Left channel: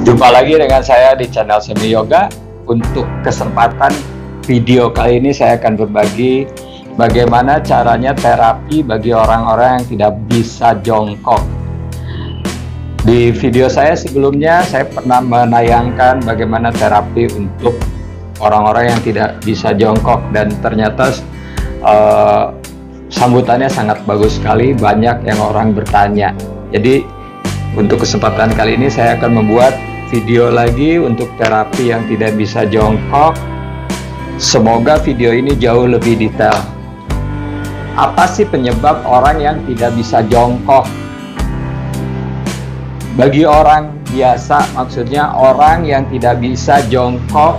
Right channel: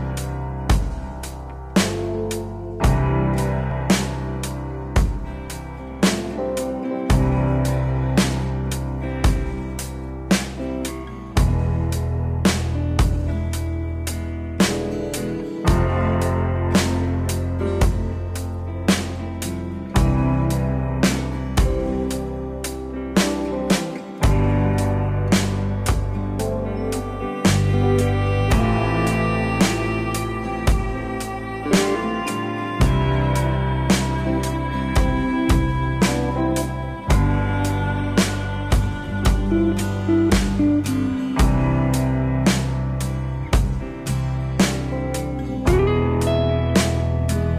Jumpa lagi dengan saya di channel Semi Yoga. Untuk kesempatan video kali ini saya akan berbagi bagaimana caranya terapi bagi orang-orang yang tidak bisa jongkok. Di video saya sebelumnya saya pernah menayangkan bagaimana terapi untuk orang-orang yang tidak bisa jongkok, dan ternyata sambutannya sangat bagus sekali, banyak yang orang bertanya. Jadi untuk kesempatan kali ini saya akan membuat video lagi untuk terapi yang tidak bisa jongkok. Semoga video ini jauh lebih detail. Apa sih penyebab orang yang tidak bisa jongkok? Bagi orang biasa, maksudnya orang yang tidak bisa jongkok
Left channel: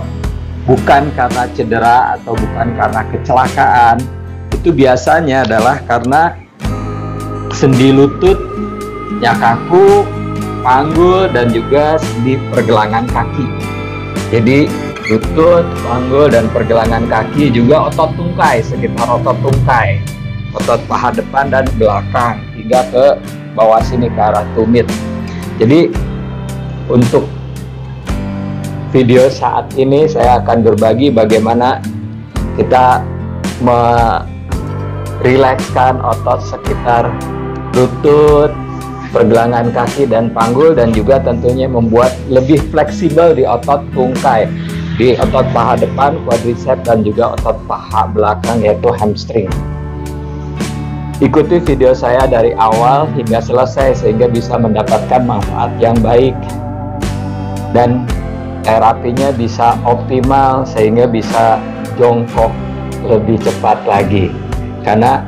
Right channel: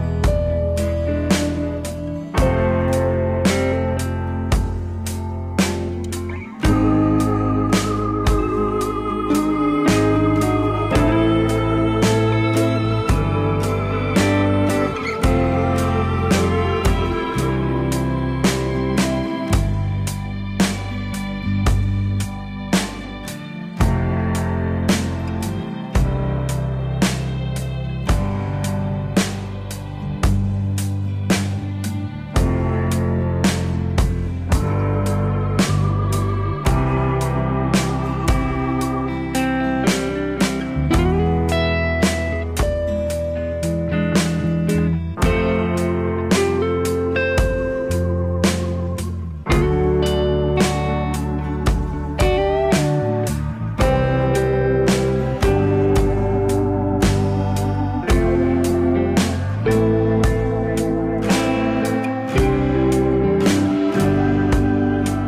bukan karena cedera atau bukan karena kecelakaan. Itu biasanya adalah karena sendi lututnya kaku, panggul, dan juga sendi pergelangan kaki. Jadi lutut, panggul, dan pergelangan kaki, juga otot tungkai, sekitar otot tungkai, otot paha depan dan belakang, hingga ke bawah sini ke arah tumit. Jadi untuk video saat ini saya akan berbagi bagaimana kita merilekskan otot sekitar lutut, pergelangan kaki, dan panggul, dan juga tentunya membuat lebih fleksibel di otot tungkai, di otot paha depan, quadriceps, dan juga otot paha belakang yaitu hamstring. Ikuti video saya dari awal hingga selesai sehingga bisa mendapatkan manfaat yang baik dan terapinya bisa optimal sehingga bisa jongkok lebih cepat lagi. Karena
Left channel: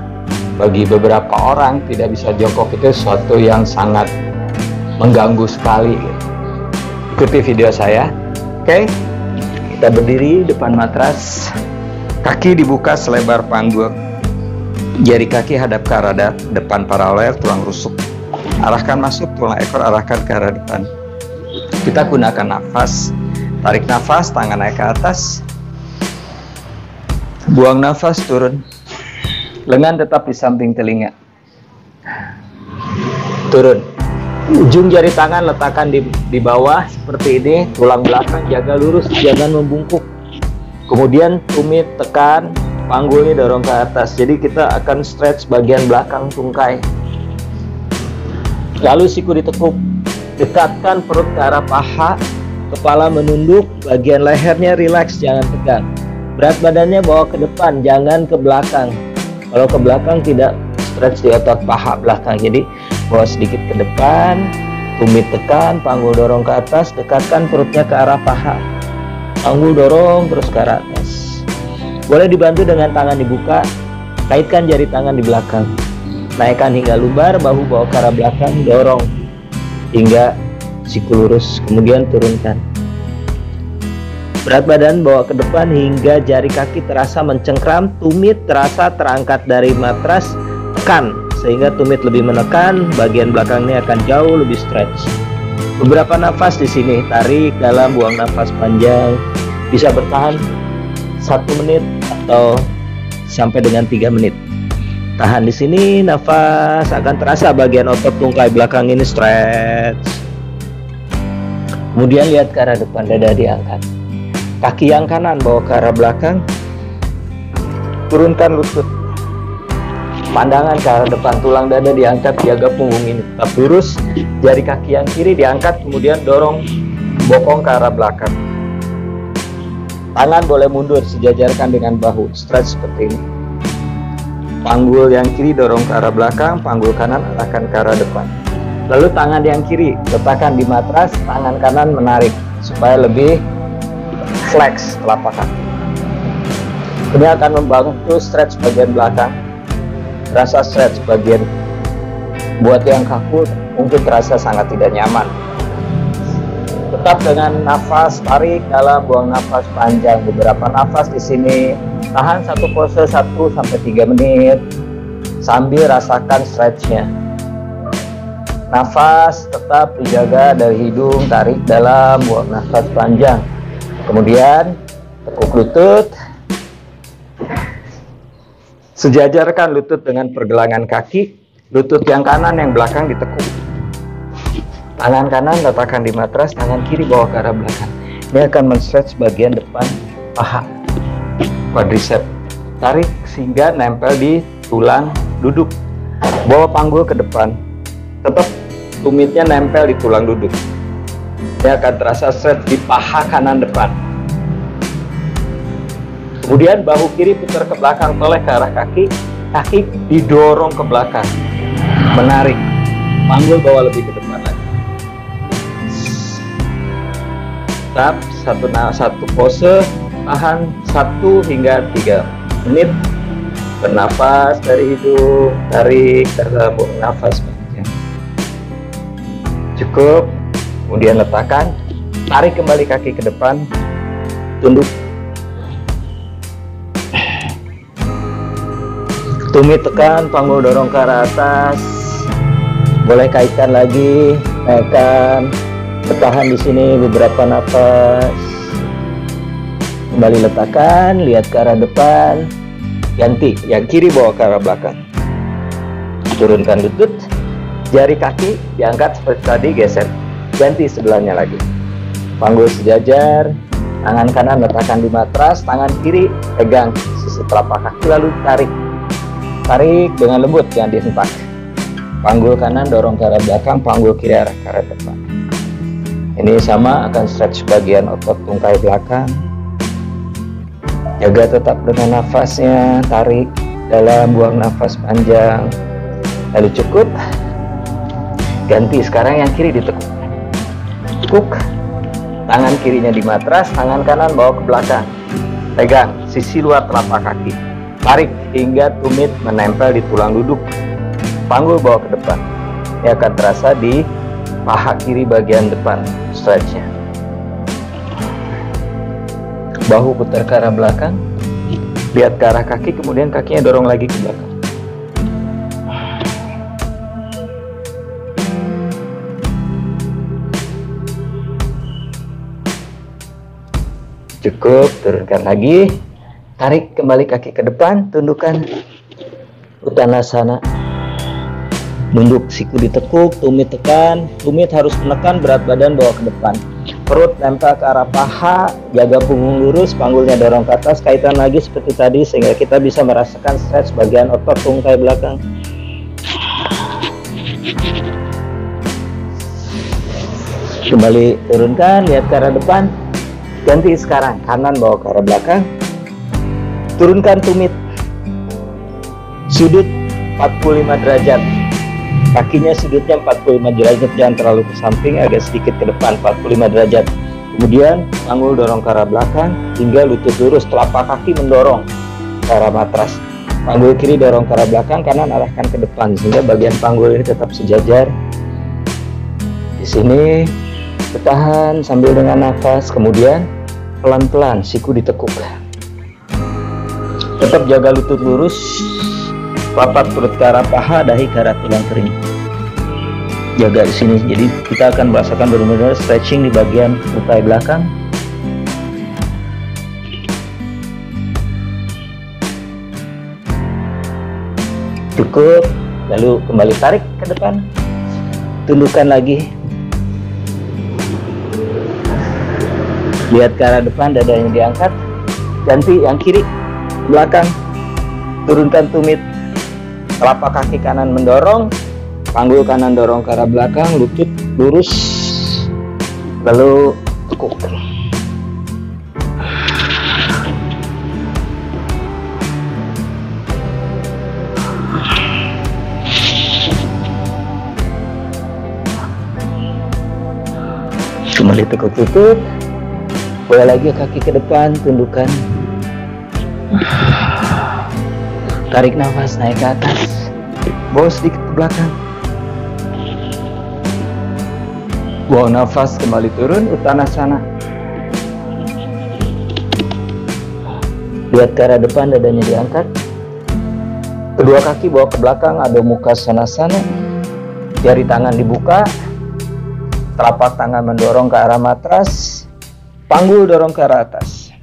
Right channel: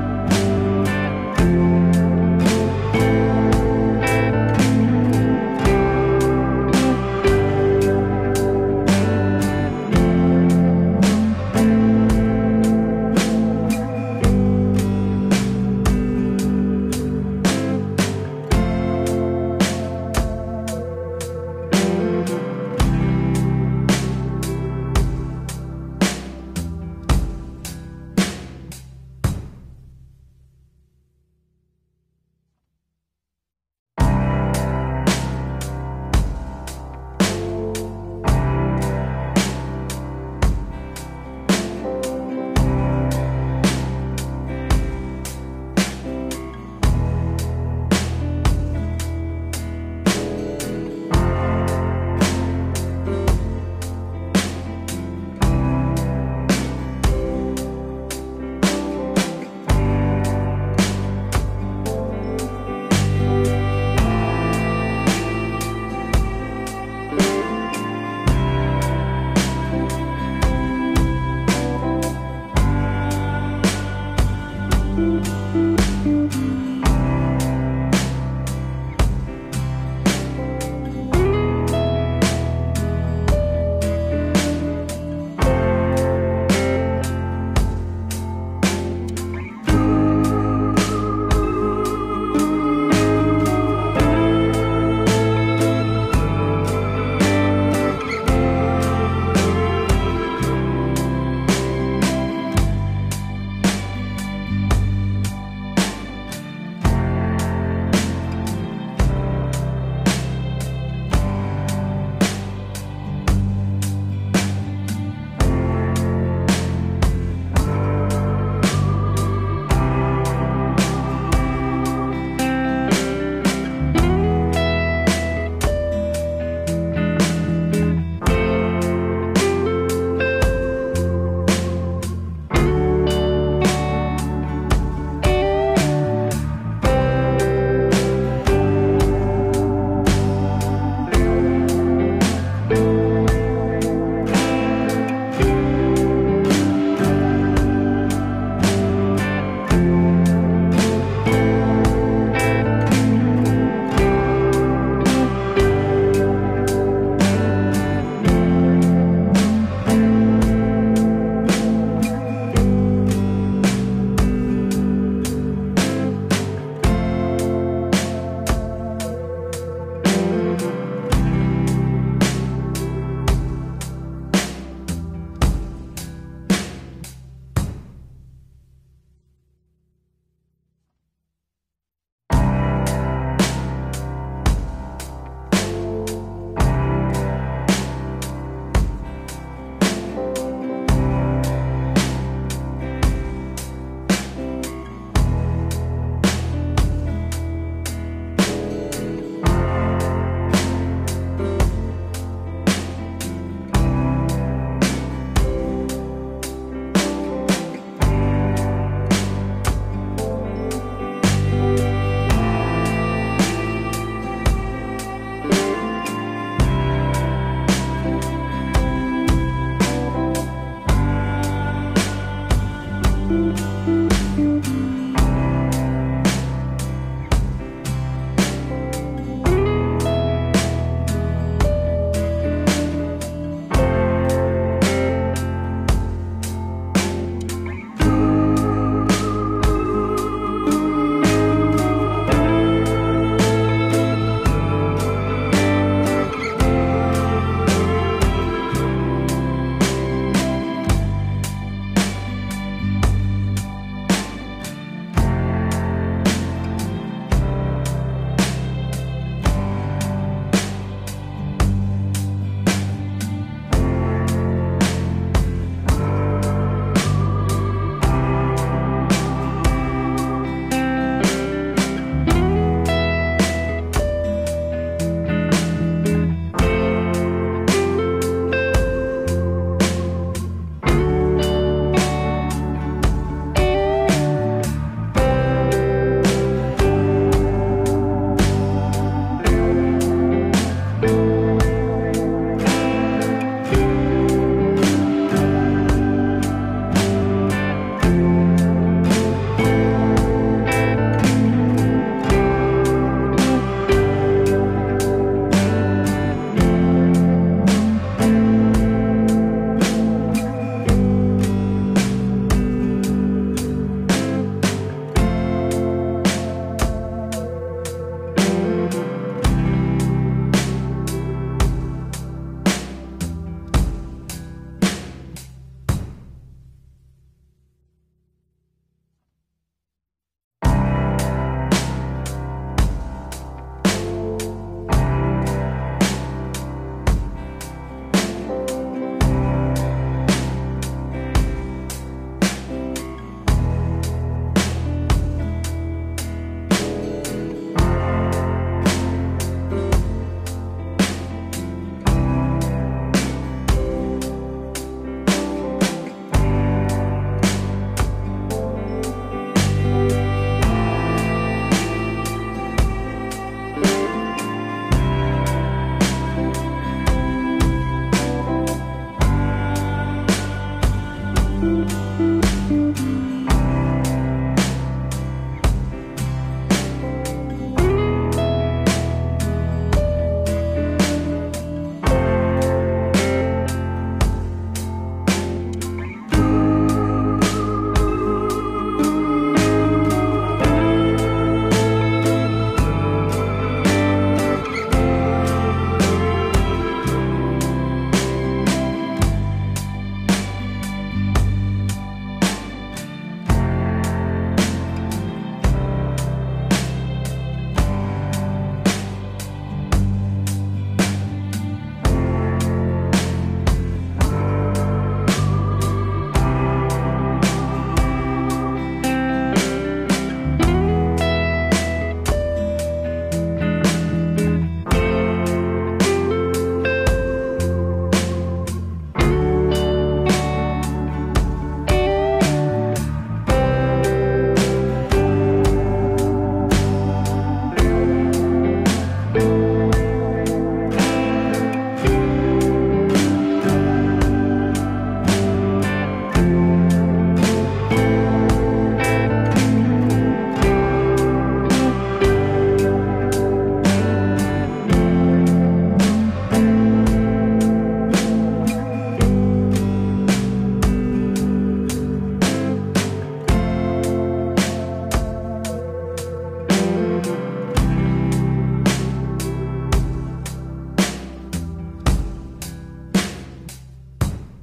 bagi beberapa orang tidak bisa jongkok itu sesuatu yang sangat mengganggu sekali. Ikuti video saya. Oke, kita berdiri depan matras, kaki dibuka selebar panggul, jari kaki hadap ke arah depan paralel tulang rusuk, arahkan masuk tulang ekor, arahkan ke arah depan. Kita gunakan nafas, tarik nafas, tangan naik ke atas, buang nafas, turun. Lengan tetap di samping telinga. Turun. Ujung jari tangan letakkan di bawah seperti ini. Tulang belakang jaga lurus, jangan membungkuk. Kemudian tumit tekan, panggulnya dorong ke atas. Jadi kita akan stretch bagian belakang tungkai. Lalu siku ditekuk. Dekatkan perut ke arah paha, kepala menunduk, bagian lehernya rileks, jangan tegang. Berat badannya bawa ke depan, jangan ke belakang. Kalau ke belakang tidak stretch di otot paha belakang. Jadi bawa sedikit ke depan, tumit tekan, panggul dorong ke atas, dekatkan perutnya ke arah paha, panggul dorong terus ke arah atas. Boleh dibantu dengan tangan dibuka, kaitkan jari tangan di belakang, naikkan hingga lumbar, bahu bawa ke arah belakang, dorong hingga siku lurus, kemudian turunkan. Berat badan bawa ke depan hingga jari kaki terasa mencengkram, tumit terasa terangkat dari matras, tekan sehingga tumit lebih menekan, bagian belakangnya akan jauh lebih stretch. Beberapa nafas di sini, tarik dalam, buang nafas panjang, bisa bertahan 1 menit atau sampai dengan 3 menit. Tahan di sini, nafas, akan terasa bagian otot tungkai belakang ini stretch. Kemudian lihat ke arah depan, dada diangkat. Kaki yang kanan bawa ke arah belakang, turunkan lutut, pandangan ke arah depan, tulang dada diangkat, jaga punggung ini tetap lurus. Jari kaki yang kiri diangkat, kemudian dorong bokong ke arah belakang. Tangan boleh mundur sejajarkan dengan bahu, stretch seperti ini. Panggul yang kiri dorong ke arah belakang, panggul kanan arahkan ke arah depan. Lalu tangan yang kiri letakkan di matras, tangan kanan menarik supaya lebih flex telapak kaki. Ini akan membantu stretch bagian belakang. Rasa stretch bagian buat yang kaku mungkin terasa sangat tidak nyaman. Tetap dengan nafas, tarik dalam, buang nafas panjang. Beberapa nafas di sini. Tahan satu pose 1-3 menit sambil rasakan stretchnya. Nafas tetap dijaga dari hidung, tarik dalam, buang nafas panjang. Kemudian tekuk lutut, sejajarkan lutut dengan pergelangan kaki. Lutut yang kanan yang belakang ditekuk. Tangan kanan letakkan di matras, tangan kiri bawa ke arah belakang. Ini akan men-stretch bagian depan paha, quadricep. Tarik sehingga nempel di tulang duduk. Bawa panggul ke depan, tetap tumitnya nempel di tulang duduk. Ini akan terasa stretch di paha kanan depan. Kemudian bahu kiri putar ke belakang, toleh ke arah kaki. Kaki didorong ke belakang, menarik. Panggul bawa lebih ke depan. Tetap satu pose, tahan 1 hingga 3 menit. Bernapas dari hidung, tarik ke lambung nafas. Cukup. Kemudian letakkan, tarik kembali kaki ke depan, tunduk. Tumit tekan, panggul dorong ke arah atas. Boleh kaitkan lagi, naikkan. Bertahan di sini beberapa nafas. Kembali letakkan, lihat ke arah depan. Ganti, yang kiri bawa ke arah belakang. Turunkan lutut, jari kaki diangkat seperti tadi, geser. Ganti sebelahnya lagi. Panggul sejajar, tangan kanan letakkan di matras, tangan kiri pegang sisi telapak kaki lalu tarik. Tarik dengan lembut, jangan dihempas. Panggul kanan dorong ke arah belakang, panggul kiri arah ke arah depan. Ini sama akan stretch bagian otot tungkai belakang. Jaga tetap dengan nafasnya, tarik dalam, buang nafas panjang. Lalu cukup. Ganti, sekarang yang kiri ditekuk. Tekuk. Tangan kirinya di matras, tangan kanan bawa ke belakang. Pegang sisi luar telapak kaki. Tarik hingga tumit menempel di tulang duduk. Panggul bawa ke depan. Ini akan terasa di paha kiri bagian depan. Stretchnya. Bahu putar ke arah belakang. Lihat ke arah kaki, kemudian kakinya dorong lagi ke belakang. Cukup, turunkan lagi. Tarik kembali kaki ke depan, tundukkan Uttanasana. Nunduk, siku ditekuk, tumit tekan. Tumit harus menekan, berat badan bawa ke depan. Perut nempel ke arah paha, jaga punggung lurus, panggulnya dorong ke atas, kaitan lagi seperti tadi sehingga kita bisa merasakan stretch bagian otot tungkai belakang. Kembali turunkan, lihat ke arah depan. Ganti sekarang, kanan bawa ke arah belakang. Turunkan tumit. Sudut 45 derajat. Kakinya sudutnya 45 derajat, jangan terlalu ke samping, agak sedikit ke depan, 45 derajat. Kemudian panggul dorong ke arah belakang hingga lutut lurus, telapak kaki mendorong ke arah matras. Panggul kiri dorong ke arah belakang, kanan arahkan ke depan sehingga bagian panggul ini tetap sejajar. Di sini bertahan sambil dengan nafas, kemudian pelan-pelan siku ditekuk. Tetap jaga lutut lurus, papat perut ke arah paha, dahi ke arah tulang kering. Jaga di sini. Jadi kita akan merasakan benar-benar stretching di bagian tungkai belakang. Cukup. Lalu kembali tarik ke depan. Tundukkan lagi. Lihat ke arah depan, dadanya diangkat. Ganti yang kiri belakang. Turunkan tumit. Telapak kaki kanan mendorong. Panggul kanan dorong ke arah belakang, lutut lurus, lalu tekuk. Kembali tekuk lutut, boleh lagi kaki ke depan, tundukkan. Tarik nafas, naik ke atas, bawa sedikit ke belakang. Bawa nafas, kembali turun, Uttanasana. Lihat ke arah depan, dadanya diangkat. Kedua kaki bawa ke belakang, Adho Mukha Svanasana. Jari tangan dibuka. Telapak tangan mendorong ke arah matras. Panggul dorong ke arah atas.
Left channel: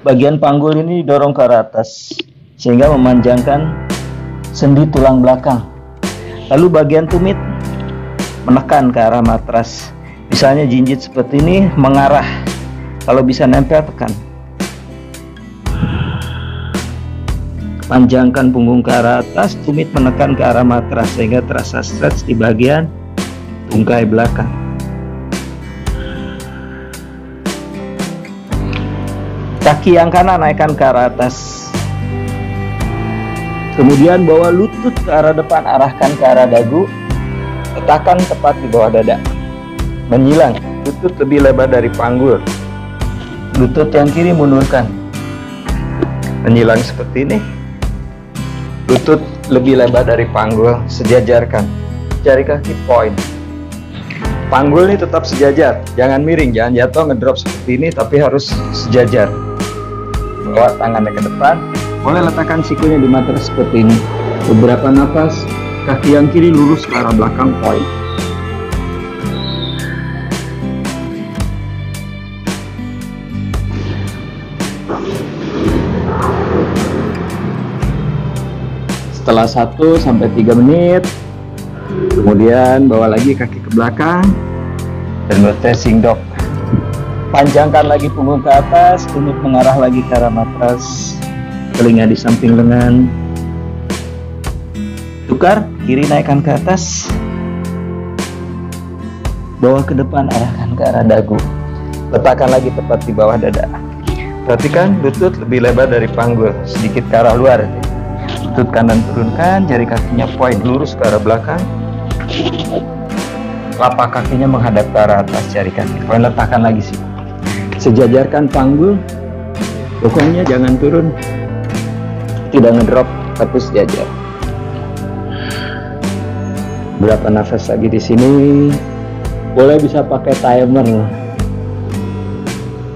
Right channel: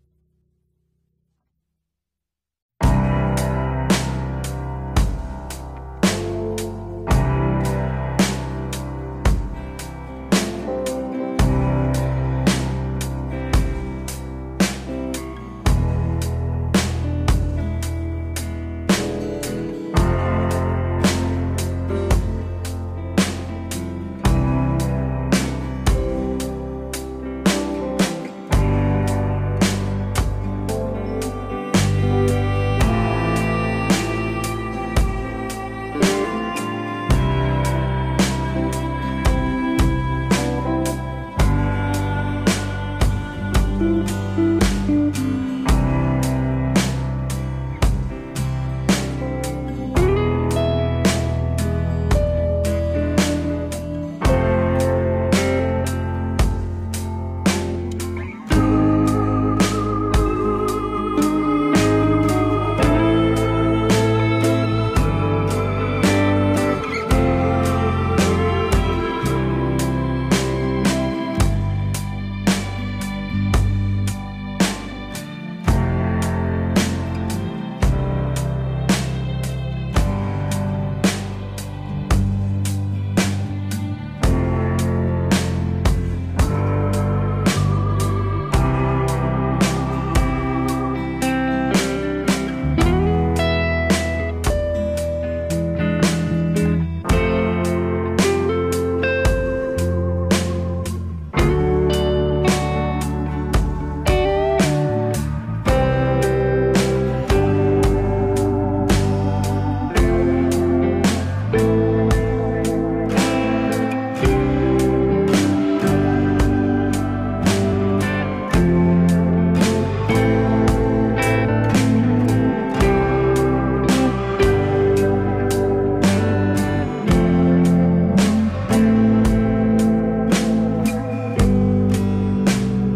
Bagian panggul ini dorong ke arah atas sehingga memanjangkan sendi tulang belakang. Lalu bagian tumit menekan ke arah matras. Misalnya jinjit seperti ini mengarah, kalau bisa nempel tekan. Panjangkan punggung ke arah atas, tumit menekan ke arah matras sehingga terasa stretch di bagian tungkai belakang. Kaki yang kanan naikkan ke arah atas. Kemudian bawa lutut ke arah depan, arahkan ke arah dagu. Letakkan tepat di bawah dada. Menyilang, lutut lebih lebar dari panggul. Lutut yang kiri mundurkan. Menyilang seperti ini. Lutut lebih lebar dari panggul, sejajarkan. Jari kaki point. Panggul ini tetap sejajar, jangan miring, jangan jatuh ngedrop seperti ini, tapi harus sejajar. Bawa tangannya ke depan, boleh letakkan sikunya di matras seperti ini. Beberapa nafas, kaki yang kiri lurus ke arah belakang point. Setelah 1-3 menit, kemudian bawa lagi kaki ke belakang dan rotating dog. Panjangkan lagi punggung ke atas, tumit mengarah lagi ke arah matras, telinga di samping lengan. Tukar, kiri naikkan ke atas, bawa ke depan, arahkan ke arah dagu. Letakkan lagi tepat di bawah dada. Perhatikan lutut lebih lebar dari panggul, sedikit ke arah luar. Lutut kanan turunkan, jari kakinya point lurus ke arah belakang. Telapak kakinya menghadap ke arah atas, jari kaki point letakkan lagi sih. Sejajarkan panggul, pokoknya jangan turun, tidak ngedrop, tapi sejajar. Berapa nafas lagi di sini? Boleh bisa pakai timer.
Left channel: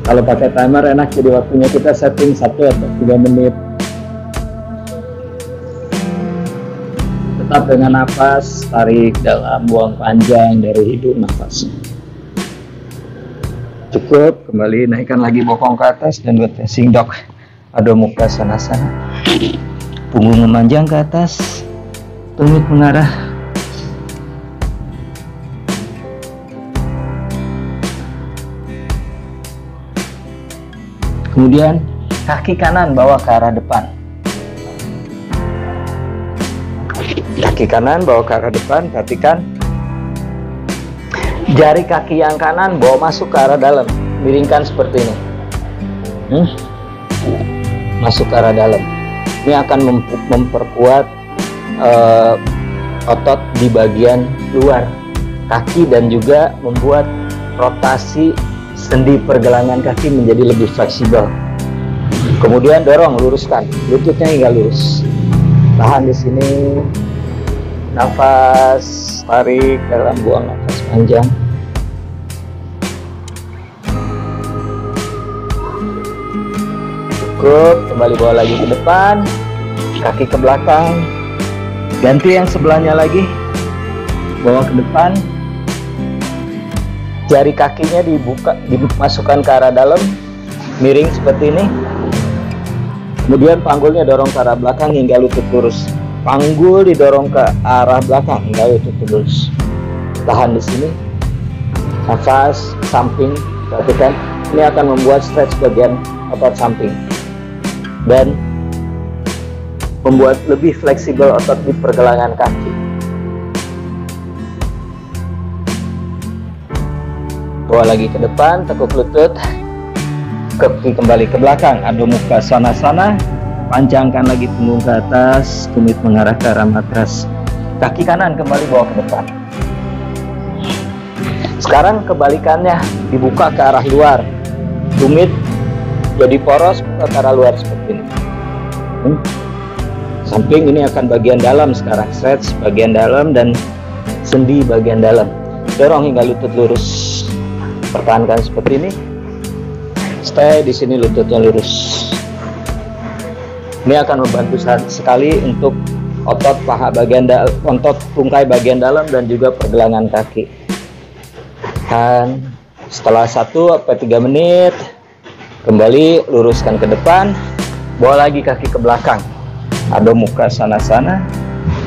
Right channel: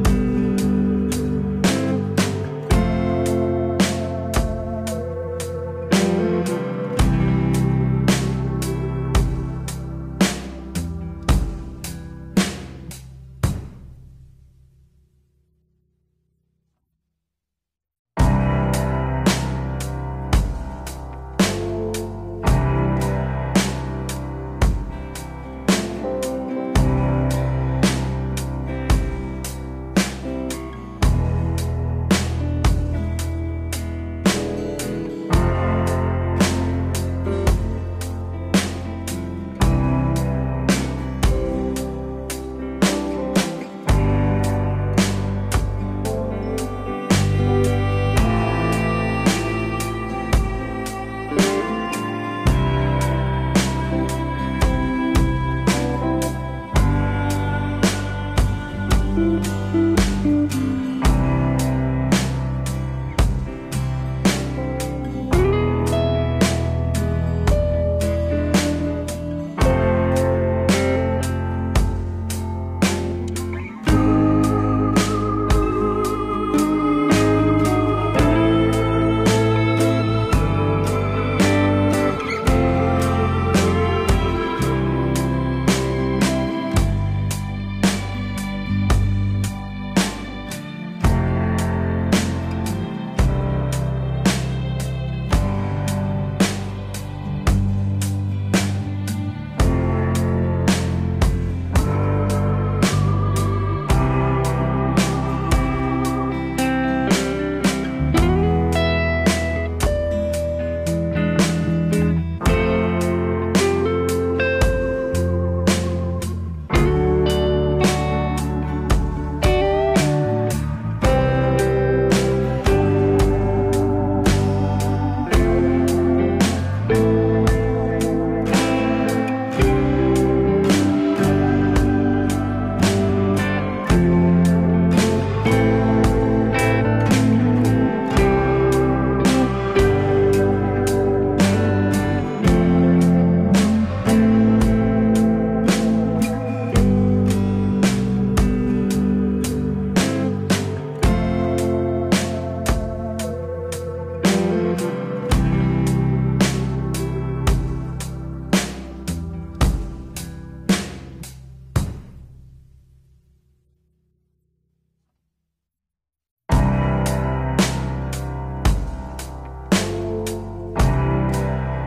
Kalau pakai timer enak, jadi waktunya kita setting 1-3 menit. Tetap dengan nafas, tarik dalam, buang panjang dari hidung, nafas. Cukup, kembali naikkan lagi bokong ke atas dan rotating dog. Adho Mukha Svanasana. Punggung memanjang ke atas, tumit mengarah. Kemudian kaki kanan bawa ke arah depan. Kaki kanan bawa ke arah depan, perhatikan. Jari kaki yang kanan bawa masuk ke arah dalam, miringkan seperti ini. Masuk ke arah dalam. Ini akan memperkuat otot di bagian luar kaki dan juga membuat rotasi sendi pergelangan kaki menjadi lebih fleksibel. Kemudian dorong, luruskan, lututnya hingga lurus. Tahan di sini. Nafas, tarik dalam, buang nafas panjang. Cukup, kembali bawa lagi ke depan, kaki ke belakang, ganti yang sebelahnya lagi, bawa ke depan, jari kakinya dibuka, dimasukkan ke arah dalam, miring seperti ini. Kemudian panggulnya dorong ke arah belakang hingga lutut lurus. Panggul didorong ke arah belakang hingga lutut lurus. Tahan di sini. Nafas samping, perhatikan. Ini akan membuat stretch bagian otot samping dan membuat lebih fleksibel otot di pergelangan kaki. Bawa lagi ke depan, tekuk lutut, kaki kembali ke belakang, Adho Mukha Svanasana. Panjangkan lagi punggung ke atas, tumit mengarah ke arah matras. Kaki kanan kembali bawa ke depan. Sekarang kebalikannya, dibuka ke arah luar, tumit jadi poros ke arah luar seperti ini. Samping ini akan bagian dalam sekarang, stretch bagian dalam dan sendi bagian dalam. Dorong hingga lutut lurus. Pertahankan seperti ini. Stay di sini, lututnya lurus. Ini akan membantu sekali untuk otot paha bagian dalam, otot tungkai bagian dalam dan juga pergelangan kaki. Dan setelah 1-3 menit, kembali luruskan ke depan, bawa lagi kaki ke belakang. Adho Mukha Svanasana.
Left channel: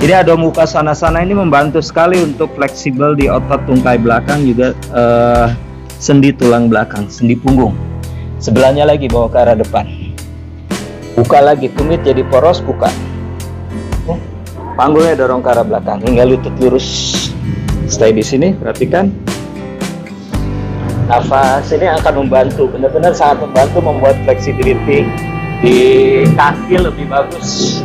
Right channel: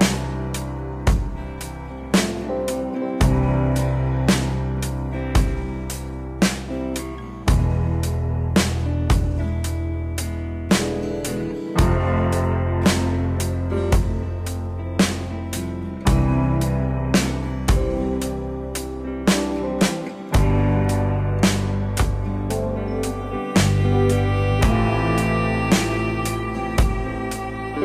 Jadi Adho Mukha Svanasana ini membantu sekali untuk fleksibel di otot tungkai belakang, juga sendi tulang belakang, sendi punggung. Sebelahnya lagi, bawa ke arah depan. Buka lagi, tumit jadi poros, buka. Panggulnya dorong ke arah belakang hingga lutut lurus. Stay di sini, perhatikan. Nafas ini akan membantu, benar-benar sangat membantu membuat flexibility di kaki lebih bagus.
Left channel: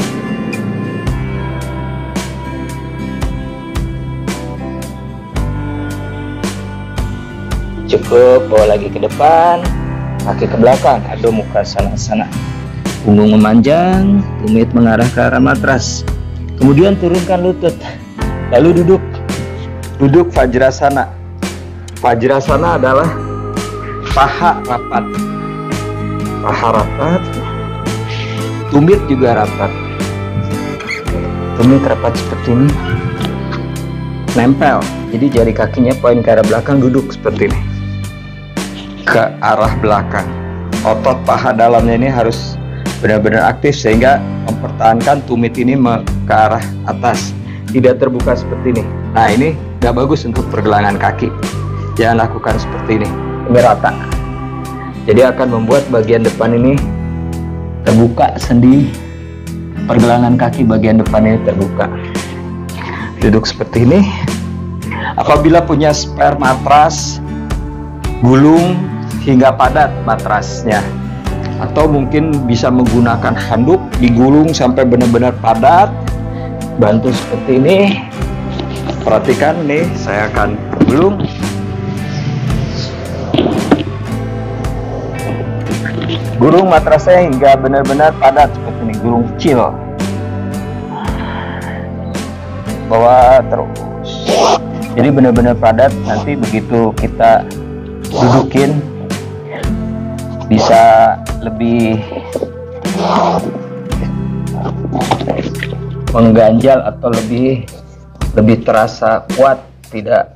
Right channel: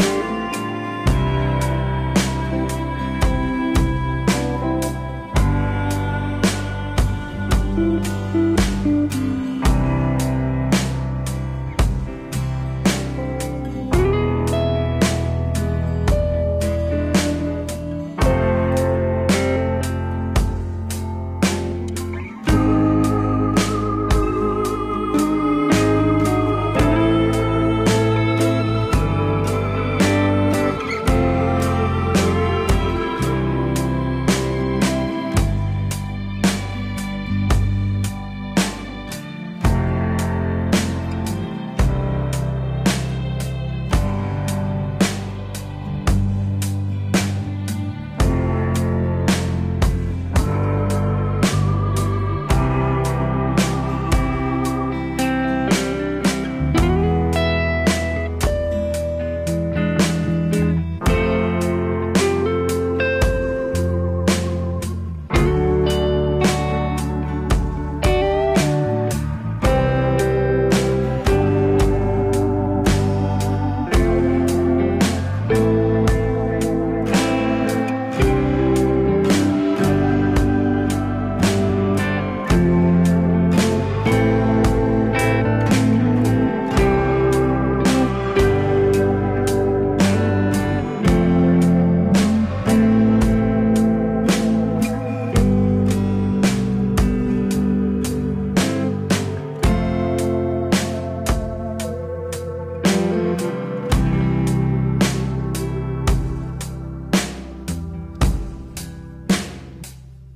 Cukup, bawa lagi ke depan, kaki ke belakang, Adho Mukha Svanasana. Punggung memanjang, tumit mengarah ke arah matras. Kemudian turunkan lutut, lalu duduk. Duduk Vajrasana. Vajrasana adalah paha rapat, tumit juga rapat. Tumit rapat seperti ini, nempel. Jadi jari kakinya poin ke arah belakang, duduk seperti ini, ke arah belakang. Otot paha dalamnya ini harus benar-benar aktif sehingga mempertahankan tumit ini ke arah atas, tidak terbuka seperti ini. Nah, ini nggak bagus untuk pergelangan kaki. Jangan lakukan seperti ini, merata. Jadi akan membuat bagian depan ini terbuka, sendi pergelangan kaki bagian depan ini terbuka. Duduk seperti ini. Apabila punya spare matras, gulung hingga padat matrasnya, atau mungkin bisa menggunakan handuk, digulung sampai benar-benar padat. Bantu seperti ini. Perhatikan nih, saya akan gulung. Gulung matrasnya hingga benar-benar padat seperti ini, gulung kecil. Bawa terus. Jadi benar-benar padat. Nanti begitu kita dudukin bisa lebih mengganjal atau lebih terasa kuat, tidak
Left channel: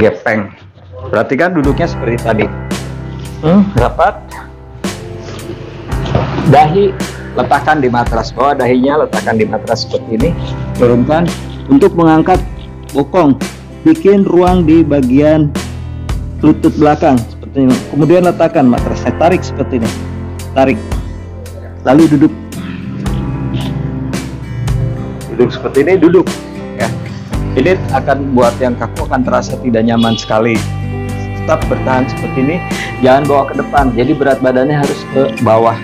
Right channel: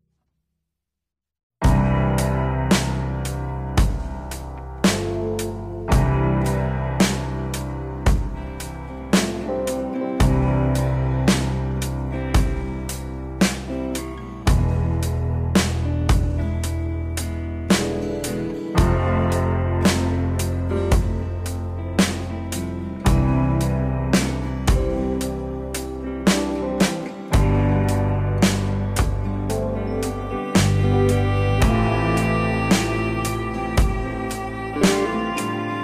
gepeng. Perhatikan duduknya seperti tadi. Rapat. Dahi letakkan di matras, bawah dahinya letakkan di matras seperti ini. Turunkan untuk mengangkat bokong, bikin ruang di bagian lutut belakang seperti ini. Kemudian letakkan matrasnya, tarik seperti ini, tarik, lalu duduk. Duduk seperti ini, duduk ya. Ini akan buat yang kaku akan terasa tidak nyaman sekali. Tetap bertahan seperti ini, jangan bawa ke depan, jadi berat badannya harus ke bawah.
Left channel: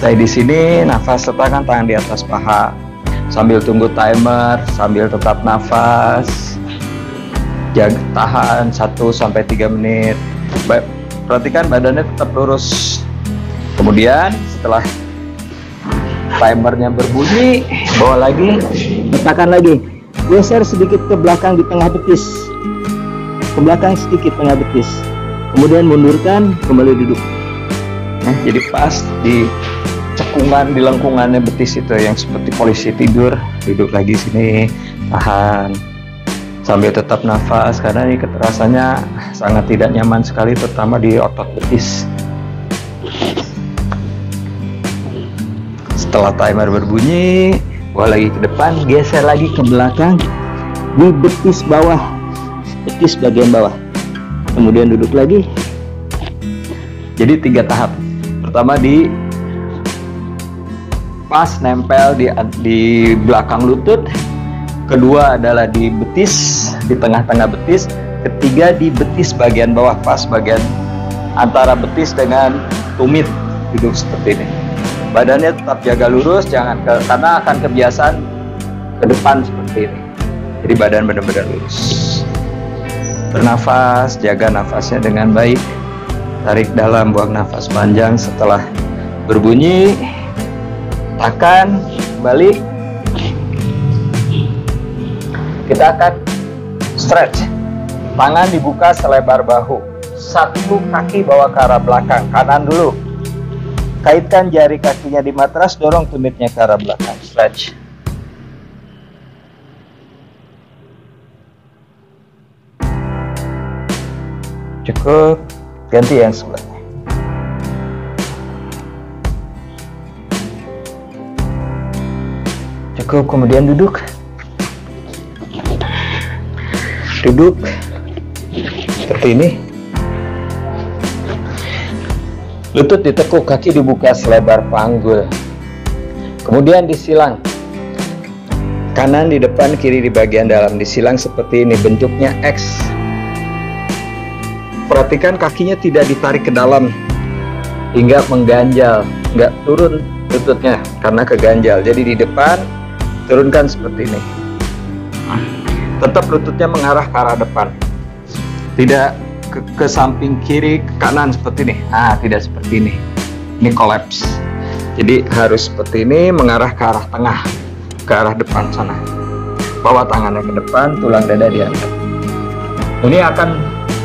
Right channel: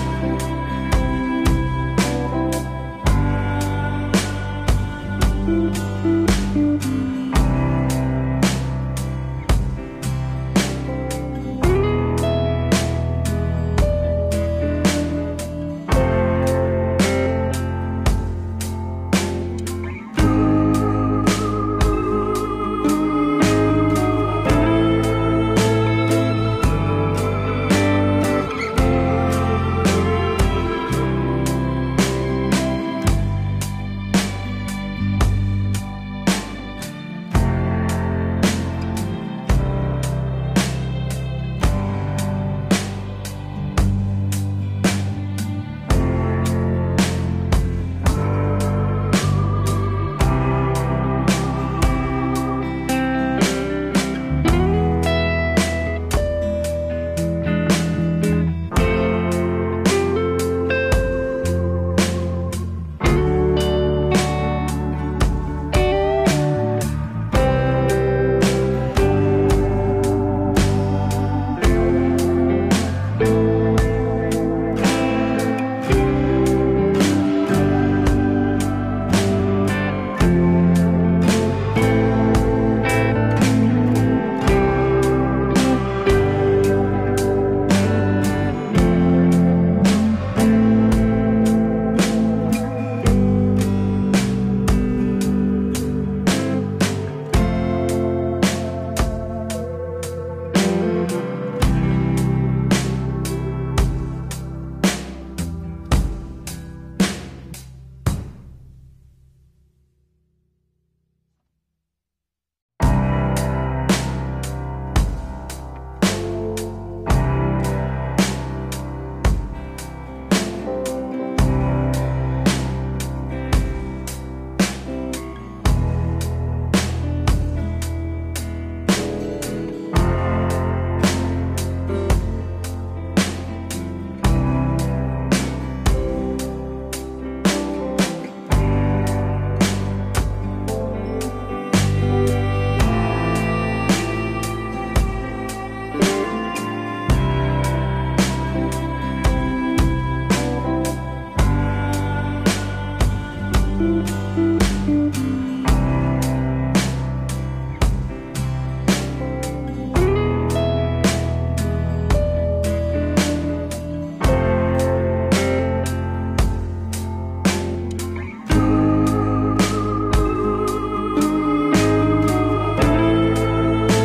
Stay di sini, nafas, letakkan tangan di atas paha sambil tunggu timer, sambil tetap nafas. Jaga, tahan 1-3 menit. Perhatikan badannya tetap lurus. Kemudian setelah timernya berbunyi, bawa lagi, letakkan lagi, geser sedikit ke belakang di tengah betis, ke belakang sedikit tengah betis, kemudian mundurkan, kembali duduk. Nah, jadi pas di cekungan, di lengkungannya betis itu yang seperti polisi tidur, duduk lagi sini, tahan sambil tetap nafas karena ini keterasannya sangat tidak nyaman sekali, terutama di otot betis. Setelah timer berbunyi, bawa lagi ke depan, geser lagi ke belakang di betis bawah, betis bagian bawah, kemudian duduk lagi. Jadi 3 tahap. Pertama di pas nempel di belakang lutut, kedua adalah di betis, di tengah-tengah betis, ketiga di betis bagian bawah, pas bagian antara betis dengan tumit, duduk seperti ini. Badannya tetap jaga lurus, jangan karena akan kebiasaan ke depan seperti ini. Jadi badan benar-benar lurus. Bernafas, jaga nafasnya dengan baik. Tarik dalam, buang nafas panjang. Setelah berbunyi, tekan, balik. Kita akan stretch. Tangan dibuka selebar bahu. Satu kaki bawa ke arah belakang, kanan dulu. Kaitkan jari kakinya di matras, dorong tumitnya ke arah belakang. Stretch. Cukup. Ganti yang sebelahnya. Cukup, kemudian duduk. Duduk seperti ini. Lutut ditekuk, kaki dibuka selebar panggul. Kemudian disilang. Kanan di depan, kiri di bagian dalam. Disilang seperti ini, bentuknya X. Perhatikan kakinya tidak ditarik ke dalam hingga mengganjal, nggak turun lututnya karena keganjal. Jadi di depan turunkan seperti ini. Tetap lututnya mengarah ke arah depan, tidak ke samping kiri ke kanan seperti ini. Nah, tidak seperti ini. Ini kolaps. Jadi harus seperti ini, mengarah ke arah tengah, ke arah depan sana. Bawa tangannya ke depan, tulang dada diangkat. Ini akan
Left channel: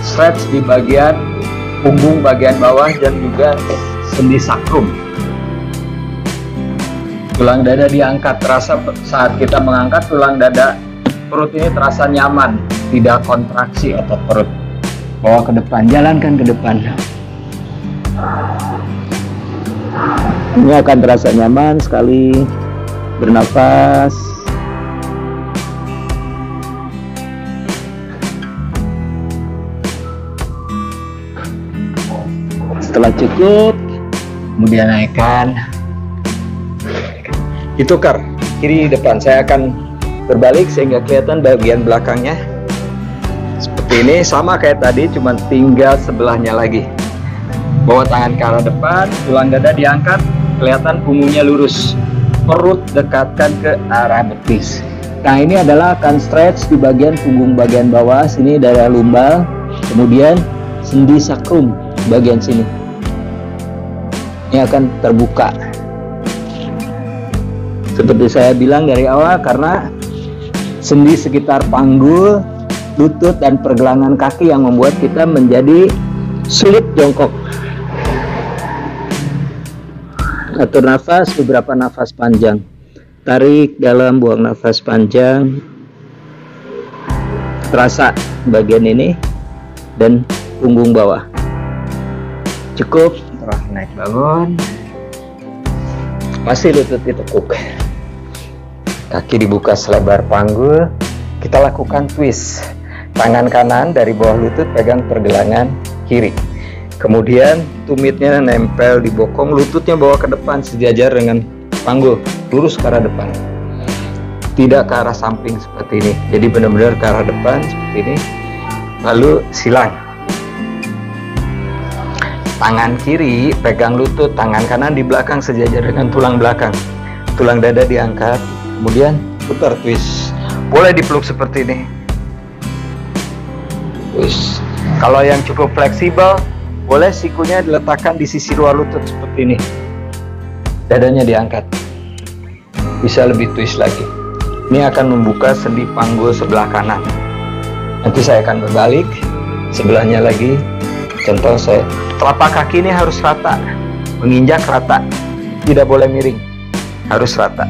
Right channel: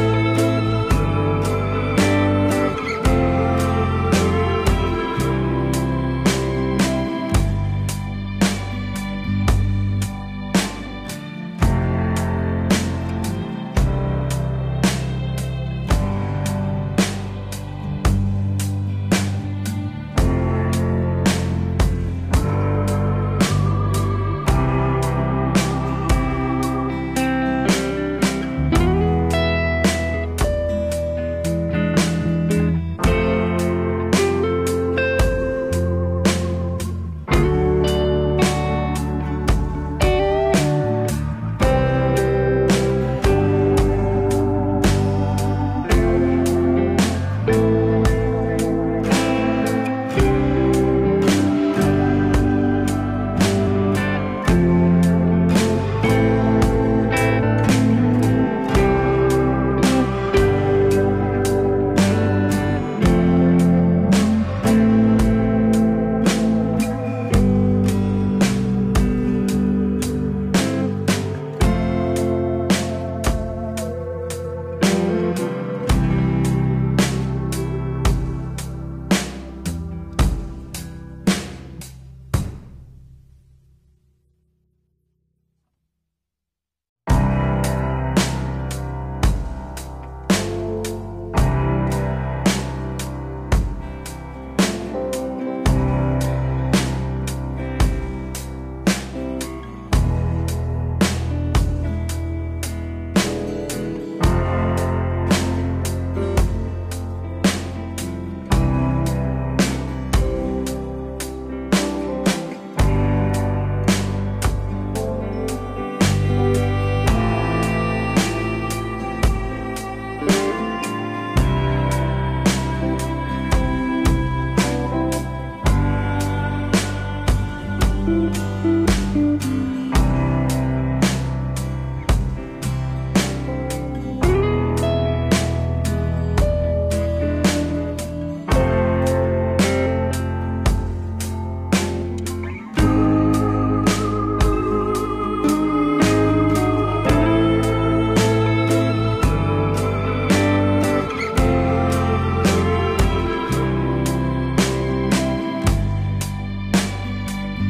stretch di bagian punggung bagian bawah dan juga sendi sakrum. Tulang dada diangkat, terasa saat kita mengangkat tulang dada perut ini terasa nyaman, tidak kontraksi otot perut. Bawa ke depan, jalankan ke depan. Ini akan terasa nyaman sekali. Bernapas. Setelah cukup, kemudian naikkan. Ditukar kiri depan. Saya akan berbalik sehingga kelihatan bagian belakangnya seperti ini, sama kayak tadi, cuma tinggal sebelahnya lagi. Bawa tangan ke arah depan, tulang dada diangkat, kelihatan punggungnya lurus, perut dekatkan ke arah betis. Nah, ini adalah akan stretch di bagian punggung bagian bawah sini, dada lumbal, kemudian sendi sakrum bagian sini. Ini akan terbuka. Seperti saya bilang dari awal, karena sendi sekitar panggul, lutut, dan pergelangan kaki yang membuat kita menjadi sulit jongkok. Atur nafas, beberapa nafas panjang. Tarik dalam, buang nafas panjang. Terasa bagian ini dan punggung bawah. Cukup, terus naik bangun. Masih lutut ditekuk. Kaki dibuka selebar panggul. Kita lakukan twist. Tangan kanan dari bawah lutut pegang pergelangan kiri. Kemudian tumitnya nempel di bokong, lututnya bawa ke depan sejajar dengan panggul, lurus ke arah depan. Tidak ke arah samping seperti ini. Jadi benar-benar ke arah depan seperti ini. Lalu silang. Tangan kiri pegang lutut, tangan kanan di belakang sejajar dengan tulang belakang. Tulang dada diangkat, kemudian putar twist. Boleh dipeluk seperti ini. Twist. Kalau yang cukup fleksibel, boleh sikunya diletakkan di sisi luar lutut seperti ini. Dadanya diangkat. Bisa lebih twist lagi. Ini akan membuka sendi panggul sebelah kanan. Nanti saya akan berbalik sebelahnya lagi. Contoh saya, telapak kaki ini harus rata, menginjak rata, tidak boleh miring, harus rata.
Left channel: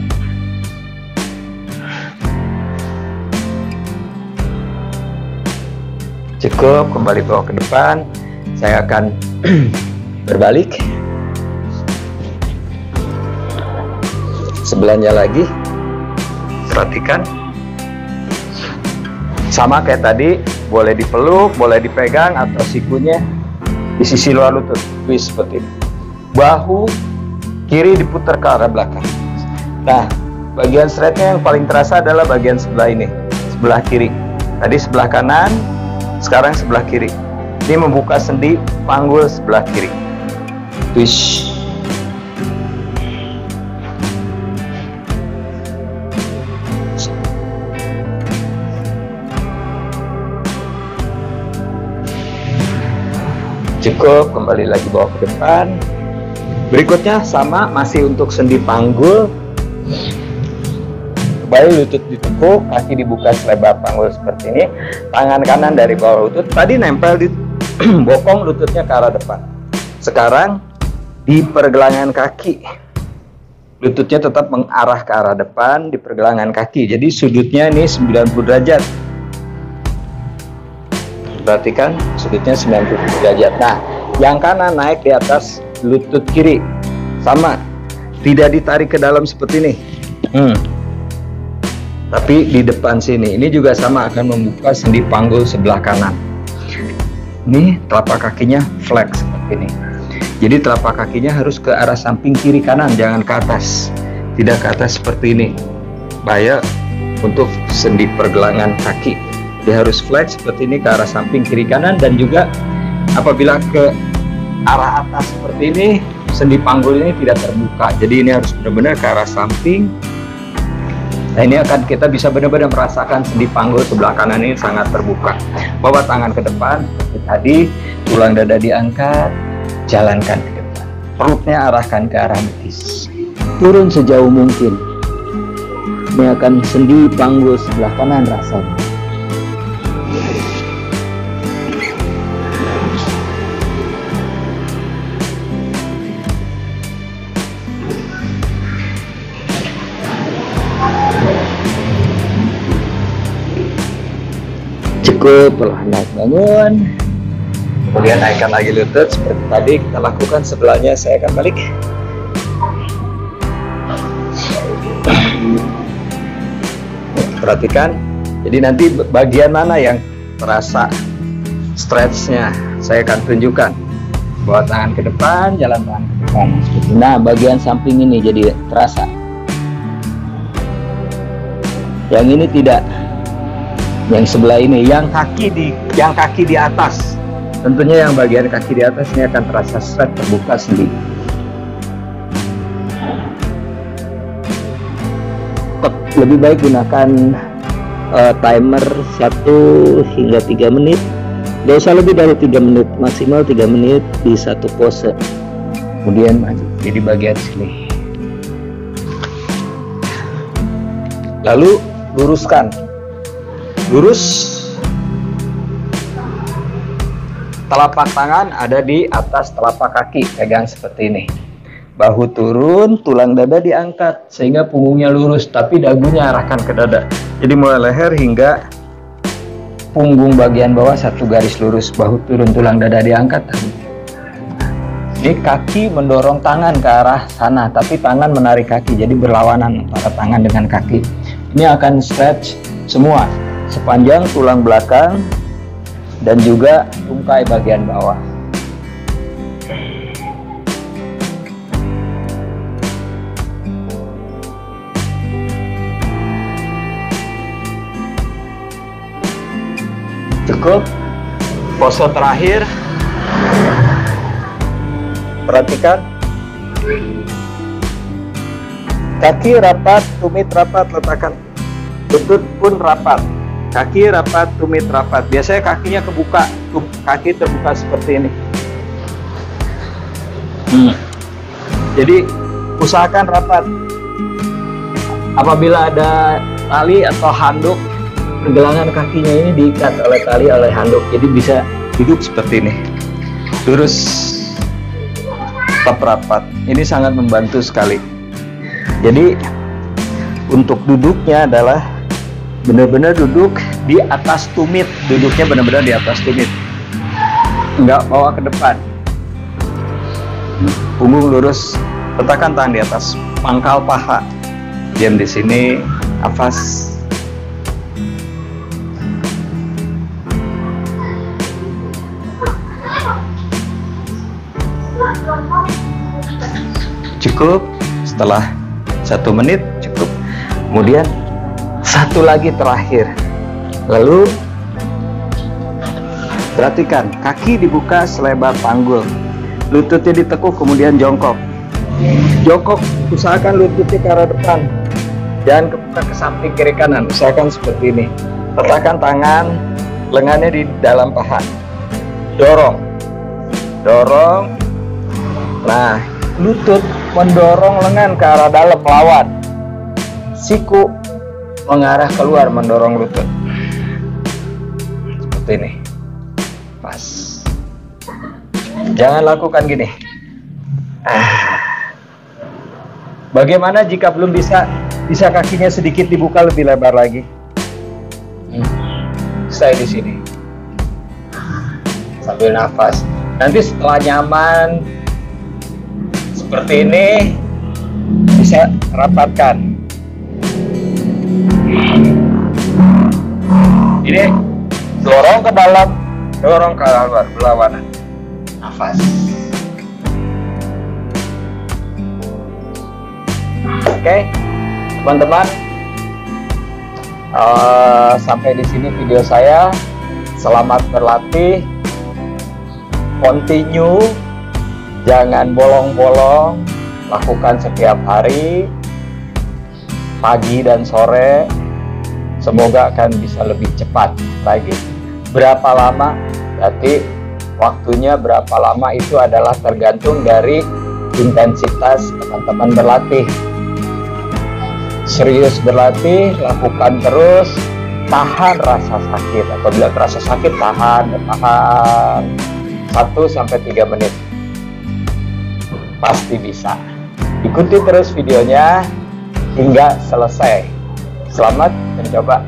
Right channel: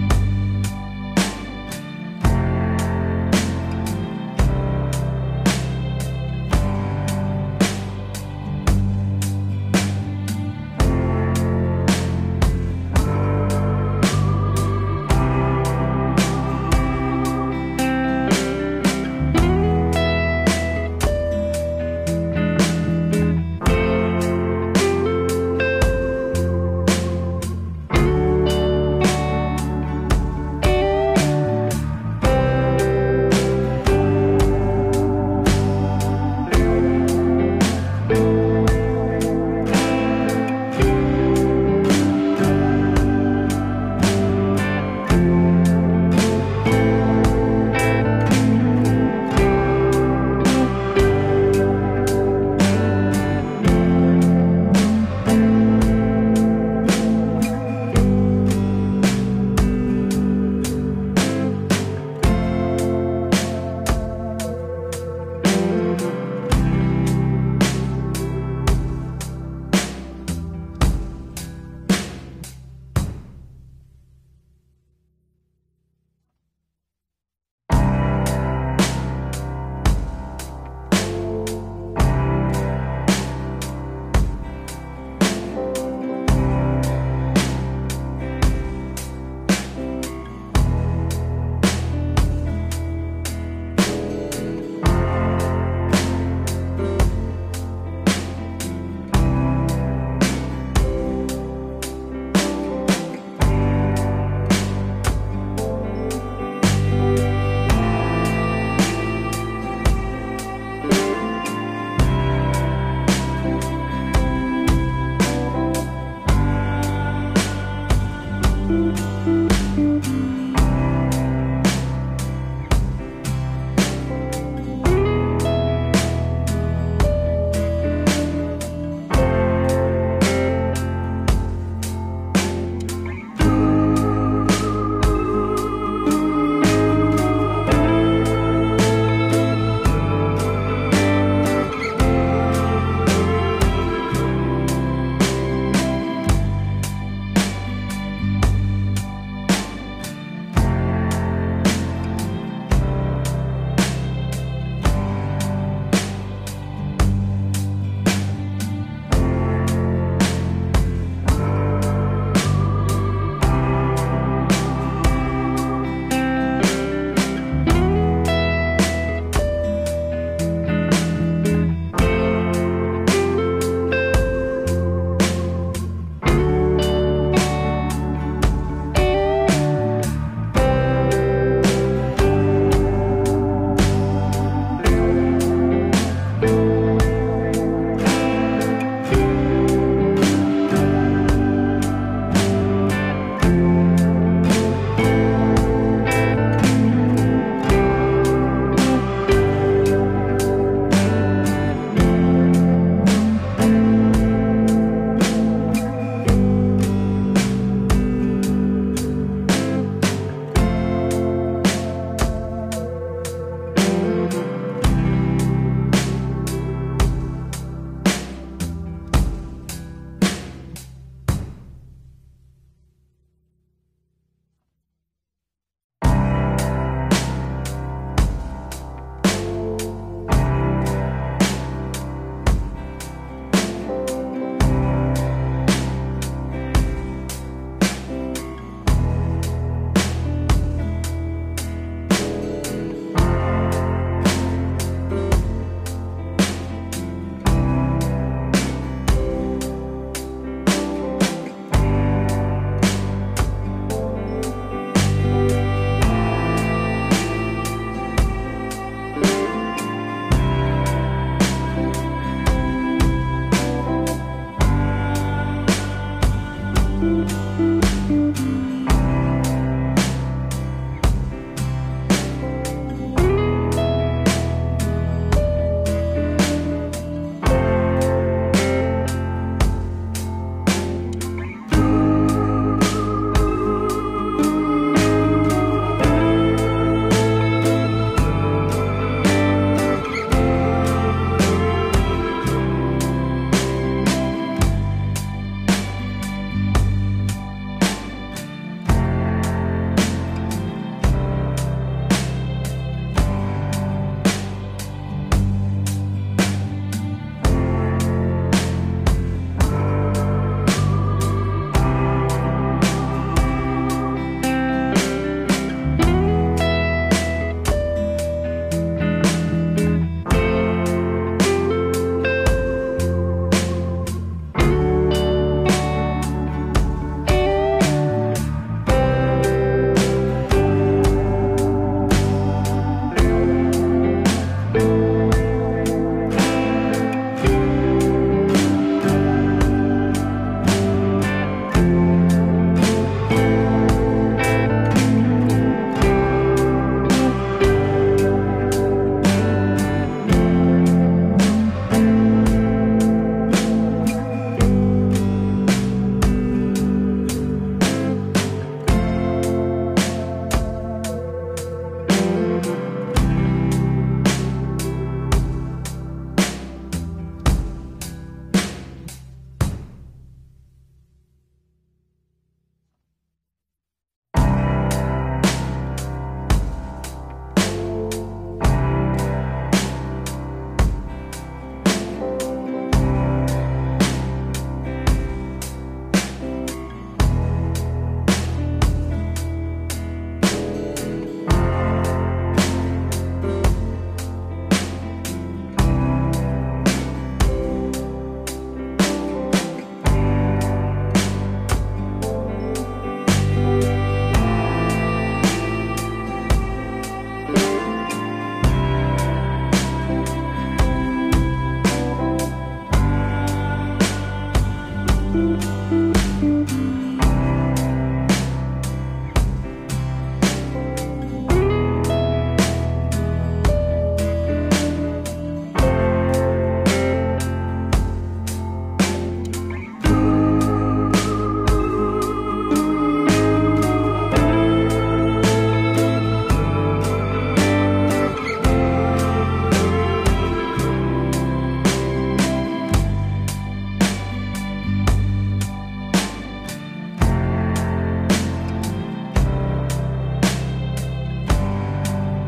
Cukup, kembali bawa ke depan. Saya akan berbalik. Sebelahnya lagi. Perhatikan. Sama kayak tadi, boleh dipeluk, boleh dipegang, atau sikunya di sisi luar lutut. Twist seperti ini. Bahu kiri diputar ke arah belakang. Nah, bagian stretchnya yang paling terasa adalah bagian sebelah ini, sebelah kiri. Tadi sebelah kanan, sekarang sebelah kiri. Ini membuka sendi panggul sebelah kiri. Twist. Cukup, kembali lagi bawa ke depan. Berikutnya sama, masih untuk sendi panggul. Baik, lutut ditekuk, kaki dibuka selebar panggul seperti ini. Tangan kanan dari bawah lutut, tadi nempel di bokong, lututnya ke arah depan. Sekarang di pergelangan kaki, lututnya tetap mengarah ke arah depan di pergelangan kaki. Jadi sudutnya ini 90 derajat. Perhatikan sudutnya 90 derajat. Nah, yang kanan naik di atas lutut kiri. Sama, tidak ditarik ke dalam seperti ini. tapi di depan sini. Ini juga sama, akan membuka sendi panggul sebelah kanan. Ini telapak kakinya flex seperti ini. Jadi telapak kakinya harus ke arah samping kiri kanan, jangan ke atas. Tidak ke atas seperti ini. Bahaya untuk sendi pergelangan kaki. Dia harus flex seperti ini ke arah samping kiri kanan, dan juga apabila ke arah atas seperti ini, sendi panggul ini tidak terbuka. Jadi ini harus benar-benar ke arah samping. Nah, ini akan kita bisa benar-benar merasakan sendi panggul sebelah kanan ini sangat terbuka. Bawa tangan ke depan, tadi tulang dada diangkat, jalankan. Perutnya arahkan ke arah betis. Turun sejauh mungkin. Ini akan sendi panggul sebelah kanan rasakan. Cukup, perlahan bangun. Kemudian naikkan lagi lutut seperti tadi kita lakukan. Sebelahnya saya akan balik. Perhatikan. Jadi nanti bagian mana yang terasa stretchnya saya akan tunjukkan. Bawa tangan ke depan, jalan tangan ke depan. Nah, bagian samping ini jadi terasa. Yang ini tidak. Yang sebelah ini, yang kaki di atas. Tentunya yang bagian kaki di atas ini akan terasa stretch, terbuka sedikit. Lebih baik gunakan timer 1 hingga 3 menit. Tidak usah lebih dari 3 menit, maksimal 3 menit di satu pose. Kemudian di bagian sini. Lalu luruskan. Lurus. Telapak tangan ada di atas telapak kaki, pegang seperti ini. Bahu turun, tulang dada diangkat sehingga punggungnya lurus, tapi dagunya arahkan ke dada. Jadi mulai leher hingga punggung bagian bawah satu garis lurus. Bahu turun, tulang dada diangkat. Jadi kaki mendorong tangan ke arah sana, tapi tangan menarik kaki, jadi berlawanan antara tangan dengan kaki. Ini akan stretch semua sepanjang tulang belakang dan juga tungkai bagian bawah. Cukup. Pose terakhir. Perhatikan. Kaki rapat, tumit rapat, letakkan. Lutut pun rapat. Kaki rapat, tumit rapat. Biasanya kakinya kebuka, kaki terbuka seperti ini. Jadi usahakan rapat. Apabila ada tali atau handuk, pergelangan kakinya ini diikat oleh tali oleh handuk. Jadi bisa duduk seperti ini. Lurus, tetap rapat. Ini sangat membantu sekali. Jadi untuk duduknya adalah benar-benar duduk di atas tumit. Duduknya benar-benar di atas tumit, enggak bawa ke depan. Punggung lurus, letakkan tangan di atas pangkal paha. Diam di sini, nafas. Cukup. Setelah 1 menit cukup. Kemudian satu lagi terakhir. Lalu perhatikan, kaki dibuka selebar panggul, lututnya ditekuk, kemudian jongkok. Jongkok, usahakan lututnya ke arah depan, jangan kebuka ke samping kiri kanan. Usahakan seperti ini. Letakkan tangan lengannya di dalam paha. Dorong, dorong. Nah, lutut mendorong lengan ke arah dalam, melawan. Siku mengarah keluar, mendorong lutut. Seperti ini. Pas. Jangan lakukan gini. Bagaimana jika belum bisa kakinya sedikit dibuka lebih lebar lagi? Stay di sini. Sambil nafas. Nanti setelah nyaman seperti ini, bisa rapatkan. Ini dorong ke dalam, dorong ke luar, berlawanan. Nafas. Oke, teman-teman, sampai di sini video saya. Selamat berlatih, continue, jangan bolong-bolong, lakukan setiap hari, pagi dan sore. Semoga akan bisa lebih cepat lagi. Berapa lama? Jadi waktunya berapa lama itu adalah tergantung dari intensitas teman-teman berlatih. Serius berlatih, lakukan terus, tahan rasa sakit. Apabila terasa sakit, tahan 1-3 menit. Pasti bisa. Ikuti terus videonya hingga selesai. Selamat mencoba.